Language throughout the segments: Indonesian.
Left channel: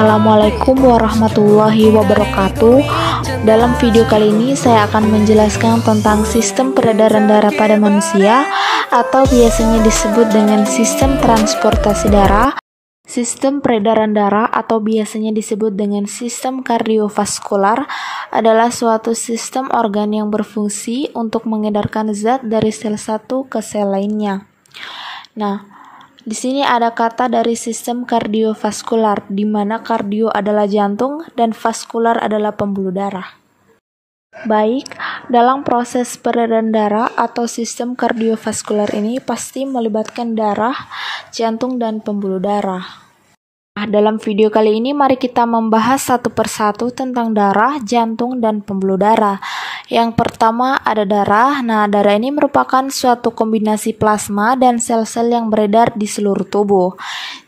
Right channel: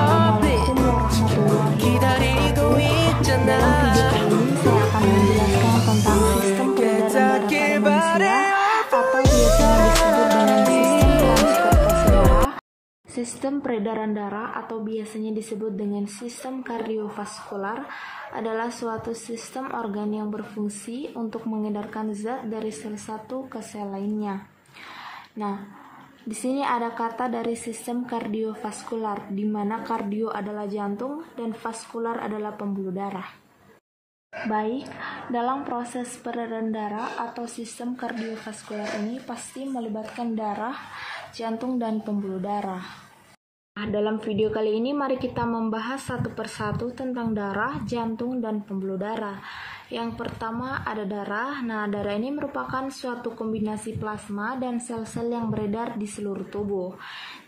Assalamualaikum warahmatullahi wabarakatuh. Dalam video kali ini saya akan menjelaskan tentang sistem peredaran darah pada manusia atau biasanya disebut dengan sistem transportasi darah. Sistem peredaran darah atau biasanya disebut dengan sistem kardiovaskular adalah suatu sistem organ yang berfungsi untuk mengedarkan zat dari sel satu ke sel lainnya. Nah, di sini ada kata dari sistem kardiovaskular, di mana kardio adalah jantung dan vaskular adalah pembuluh darah. Baik, dalam proses peredaran darah atau sistem kardiovaskular ini pasti melibatkan darah, jantung, dan pembuluh darah. Nah, dalam video kali ini mari kita membahas satu persatu tentang darah, jantung, dan pembuluh darah. Yang pertama ada darah. Nah, darah ini merupakan suatu kombinasi plasma dan sel-sel yang beredar di seluruh tubuh.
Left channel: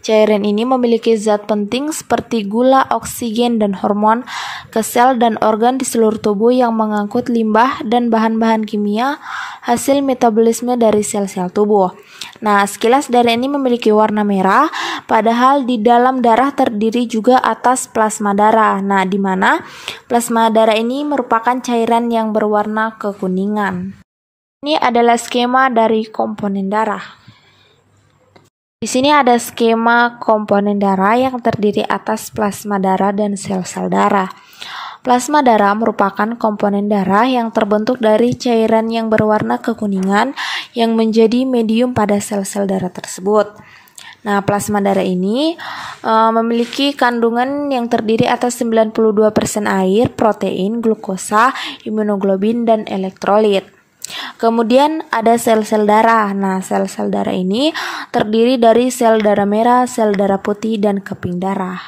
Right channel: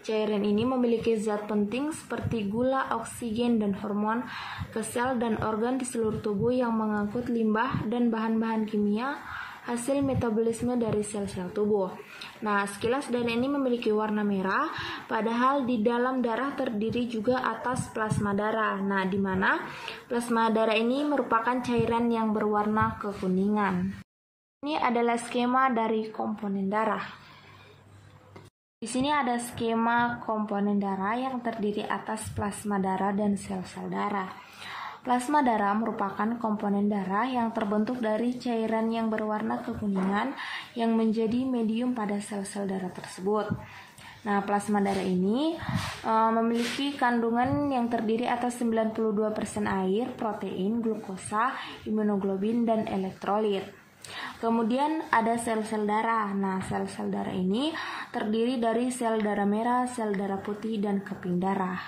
Cairan ini memiliki zat penting seperti gula, oksigen, dan hormon ke sel dan organ di seluruh tubuh yang mengangkut limbah dan bahan-bahan kimia hasil metabolisme dari sel-sel tubuh. Nah, sekilas darah ini memiliki warna merah, padahal di dalam darah terdiri juga atas plasma darah. Nah, di mana plasma darah ini merupakan cairan yang berwarna kekuningan. Ini adalah skema dari komponen darah. Di sini ada skema komponen darah yang terdiri atas plasma darah dan sel-sel darah. Plasma darah merupakan komponen darah yang terbentuk dari cairan yang berwarna kekuningan yang menjadi medium pada sel-sel darah tersebut. Nah, plasma darah ini memiliki kandungan yang terdiri atas 92% air, protein, glukosa, imunoglobin, dan elektrolit. Kemudian ada sel-sel darah. Nah, sel-sel darah ini terdiri dari sel darah merah, sel darah putih, dan keping darah.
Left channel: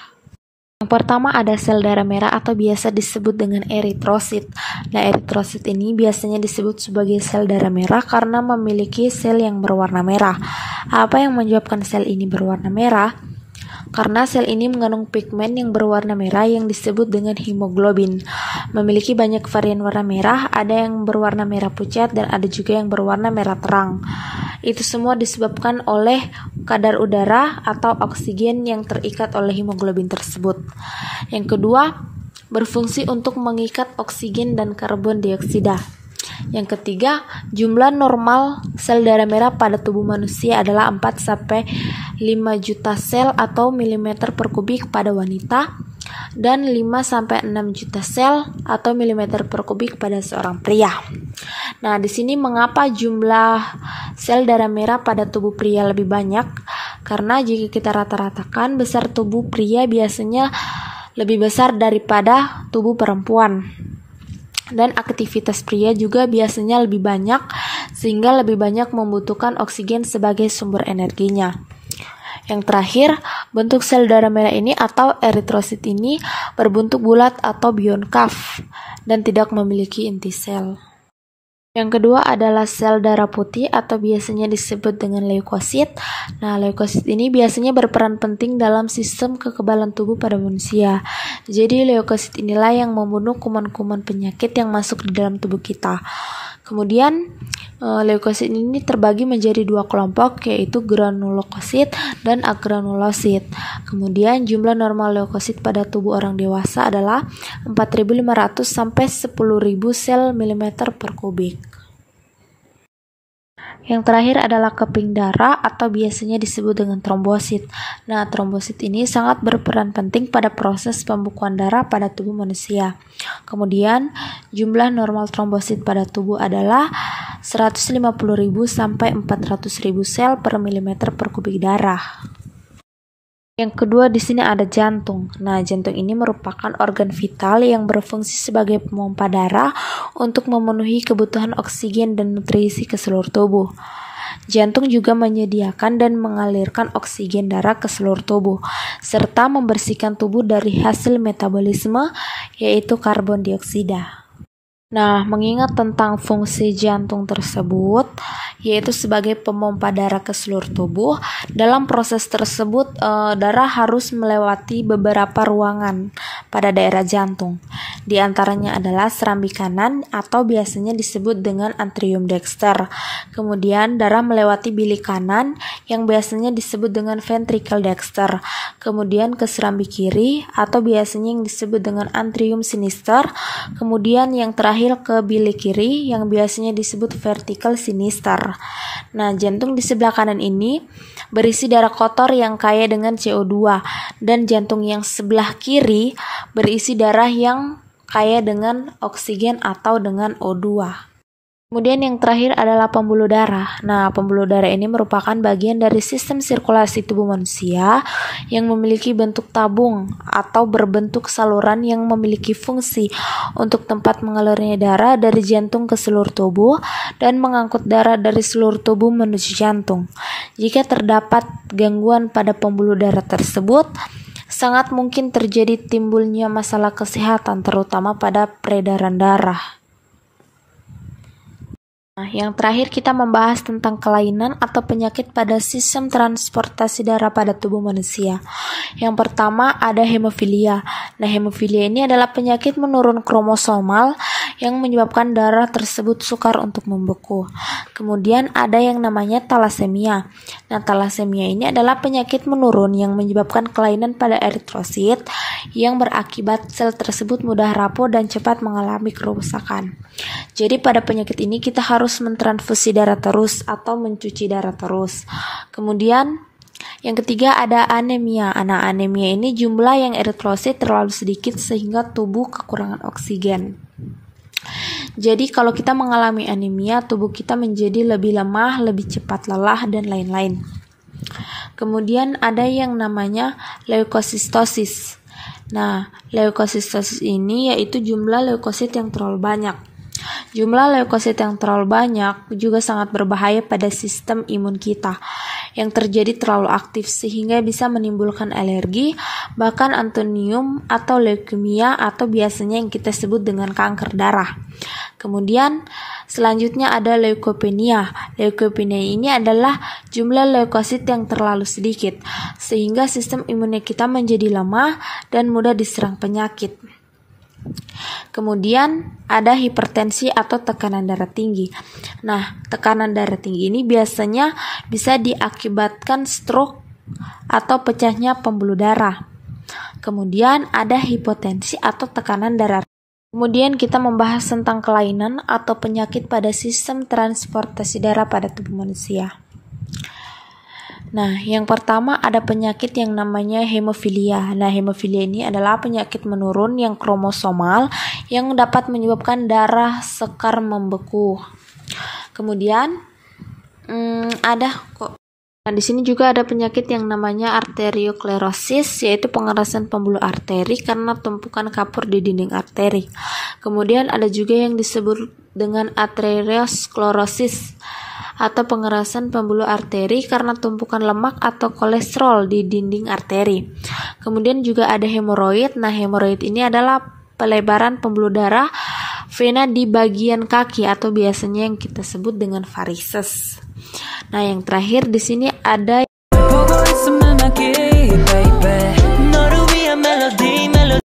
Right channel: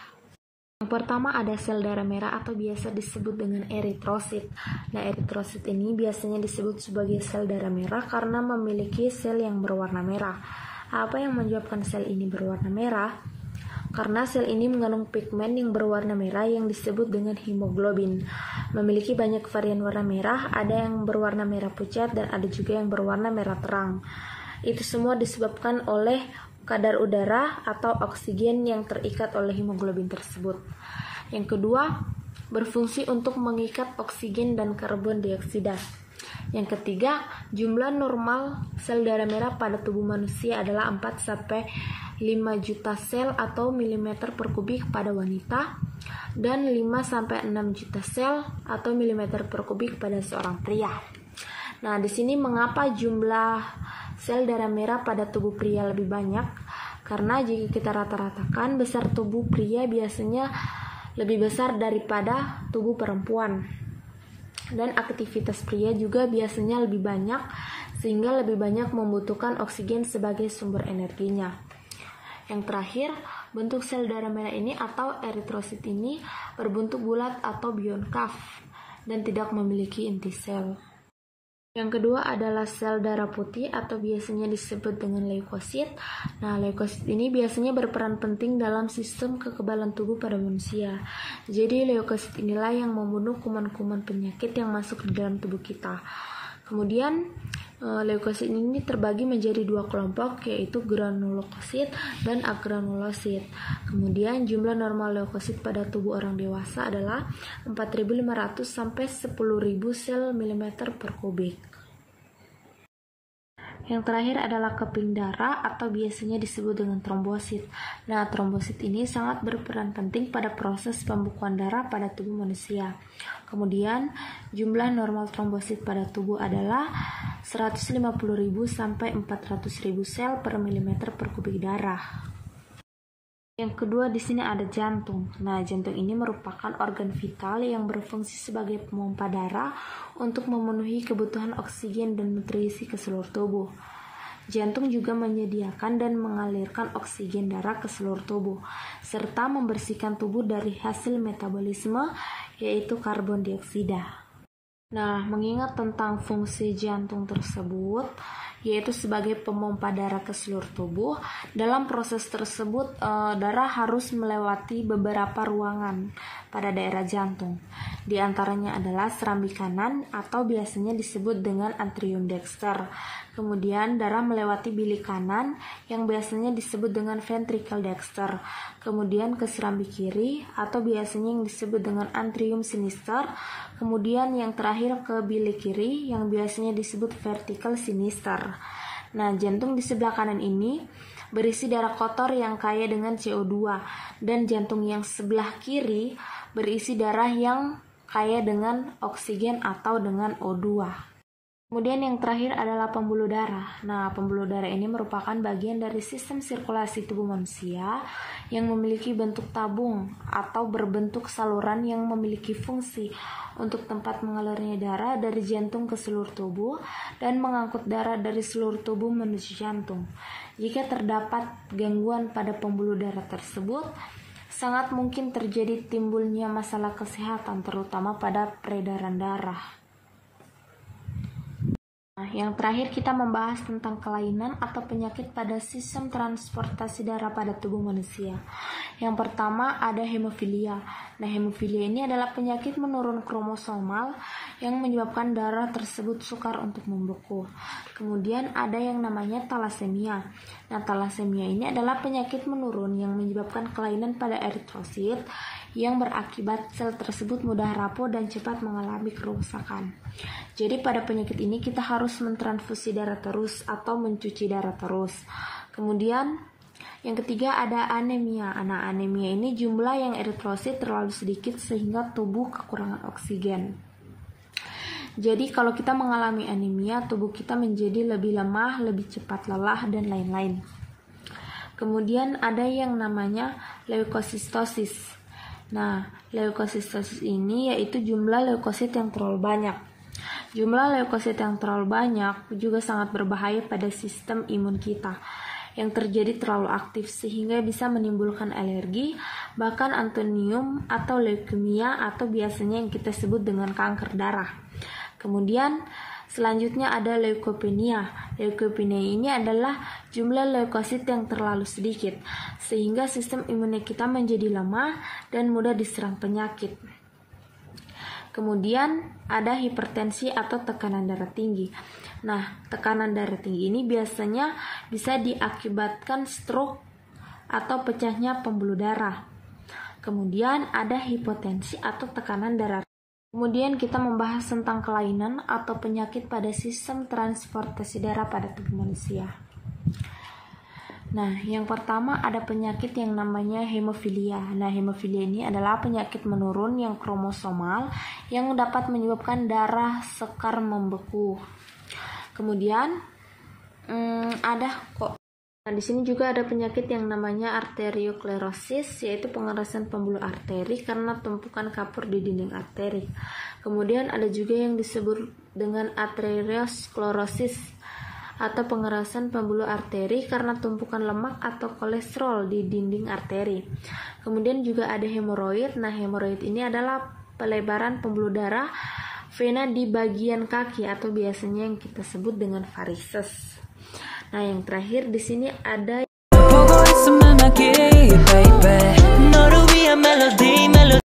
Yang pertama ada sel darah merah atau biasa disebut dengan eritrosit. Nah, eritrosit ini biasanya disebut sebagai sel darah merah karena memiliki sel yang berwarna merah. Apa yang menyebabkan sel ini berwarna merah? Karena sel ini mengandung pigmen yang berwarna merah yang disebut dengan hemoglobin. Memiliki banyak varian warna merah, ada yang berwarna merah pucat dan ada juga yang berwarna merah terang. Itu semua disebabkan oleh kadar udara atau oksigen yang terikat oleh hemoglobin tersebut. Yang kedua, berfungsi untuk mengikat oksigen dan karbon dioksida. Yang ketiga, jumlah normal sel darah merah pada tubuh manusia adalah 4-5 juta sel atau milimeter per kubik pada wanita dan 5-6 juta sel atau milimeter per kubik pada seorang pria. Nah, di sini mengapa jumlah sel darah merah pada tubuh pria lebih banyak? Karena jika kita rata-ratakan, besar tubuh pria biasanya lebih besar daripada tubuh perempuan. Dan aktivitas pria juga biasanya lebih banyak sehingga lebih banyak membutuhkan oksigen sebagai sumber energinya. Yang terakhir, bentuk sel darah merah ini atau eritrosit ini berbentuk bulat atau bionkaf dan tidak memiliki inti sel. Yang kedua adalah sel darah putih atau biasanya disebut dengan leukosit. Nah, leukosit ini biasanya berperan penting dalam sistem kekebalan tubuh pada manusia. Jadi, leukosit inilah yang membunuh kuman-kuman penyakit yang masuk di dalam tubuh kita. Kemudian, leukosit ini terbagi menjadi dua kelompok, yaitu granulokosit dan agranulosit. Kemudian, jumlah normal leukosit pada tubuh orang dewasa adalah 4.500 sampai 10.000 sel milimeter per kubik. Yang terakhir adalah keping darah atau biasanya disebut dengan trombosit. Nah, trombosit ini sangat berperan penting pada proses pembukuan darah pada tubuh manusia. Kemudian, jumlah normal trombosit pada tubuh adalah 150.000 sampai 400.000 sel per milimeter per kubik darah. Yang kedua di sini ada jantung. Nah, jantung ini merupakan organ vital yang berfungsi sebagai pemompa darah untuk memenuhi kebutuhan oksigen dan nutrisi ke seluruh tubuh. Jantung juga menyediakan dan mengalirkan oksigen darah ke seluruh tubuh, serta membersihkan tubuh dari hasil metabolisme, yaitu karbon dioksida. Nah, mengingat tentang fungsi jantung tersebut, yaitu sebagai pemompa darah ke seluruh tubuh, dalam proses tersebut darah harus melewati beberapa ruangan pada daerah jantung. Di antaranya adalah serambi kanan atau biasanya disebut dengan atrium dexter. Kemudian darah melewati bilik kanan yang biasanya disebut dengan ventricle dexter. Kemudian ke serambi kiri atau biasanya yang disebut dengan atrium sinister. Kemudian yang terakhir ke bilik kiri yang biasanya disebut vertical sinister. Nah, jantung di sebelah kanan ini berisi darah kotor yang kaya dengan CO2 dan jantung yang sebelah kiri berisi darah yang kaya dengan oksigen atau dengan O2. Kemudian yang terakhir adalah pembuluh darah. Nah, pembuluh darah ini merupakan bagian dari sistem sirkulasi tubuh manusia yang memiliki bentuk tabung atau berbentuk saluran yang memiliki fungsi untuk tempat mengalirnya darah dari jantung ke seluruh tubuh dan mengangkut darah dari seluruh tubuh menuju jantung. Jika terdapat gangguan pada pembuluh darah tersebut, sangat mungkin terjadi timbulnya masalah kesehatan terutama pada peredaran darah. Nah, yang terakhir kita membahas tentang kelainan atau penyakit pada sistem transportasi darah pada tubuh manusia. Yang pertama ada hemofilia. Nah, hemofilia ini adalah penyakit menurun kromosomal yang menyebabkan darah tersebut sukar untuk membeku. Kemudian ada yang namanya talasemia. Nah, talasemia ini adalah penyakit menurun yang menyebabkan kelainan pada eritrosit yang berakibat sel tersebut mudah rapuh dan cepat mengalami kerusakan. Jadi pada penyakit ini kita harus mentransfusi darah terus atau mencuci darah terus. Kemudian yang ketiga ada anemia. Nah, anemia ini jumlah yang eritrosit terlalu sedikit sehingga tubuh kekurangan oksigen. Jadi kalau kita mengalami anemia, tubuh kita menjadi lebih lemah, lebih cepat lelah, dan lain-lain. Kemudian ada yang namanya leukosistosis. Nah, leukosistosis ini yaitu jumlah leukosit yang terlalu banyak. Jumlah leukosit yang terlalu banyak juga sangat berbahaya pada sistem imun kita yang terjadi terlalu aktif sehingga bisa menimbulkan alergi, bahkan antonium atau leukemia atau biasanya yang kita sebut dengan kanker darah. Kemudian selanjutnya ada leukopenia. Leukopenia ini adalah jumlah leukosit yang terlalu sedikit sehingga sistem imunnya kita menjadi lemah dan mudah diserang penyakit. Kemudian ada hipertensi atau tekanan darah tinggi. Nah, tekanan darah tinggi ini biasanya bisa diakibatkan stroke atau pecahnya pembuluh darah. Kemudian ada hipotensi atau tekanan darah. Kemudian kita membahas tentang kelainan atau penyakit pada sistem transportasi darah pada tubuh manusia. Nah, yang pertama ada penyakit yang namanya hemofilia. Nah, hemofilia ini adalah penyakit menurun yang kromosomal yang dapat menyebabkan darah sekar membeku. Kemudian di sini juga ada penyakit yang namanya arteriosklerosis, yaitu pengerasan pembuluh arteri karena tumpukan kapur di dinding arteri. Kemudian ada juga yang disebut dengan aterosklerosis atau pengerasan pembuluh arteri karena tumpukan lemak atau kolesterol di dinding arteri. Kemudian juga ada hemoroid. Nah, hemoroid ini adalah pelebaran pembuluh darah vena di bagian kaki atau biasanya yang kita sebut dengan varises. Nah, yang terakhir di sini ada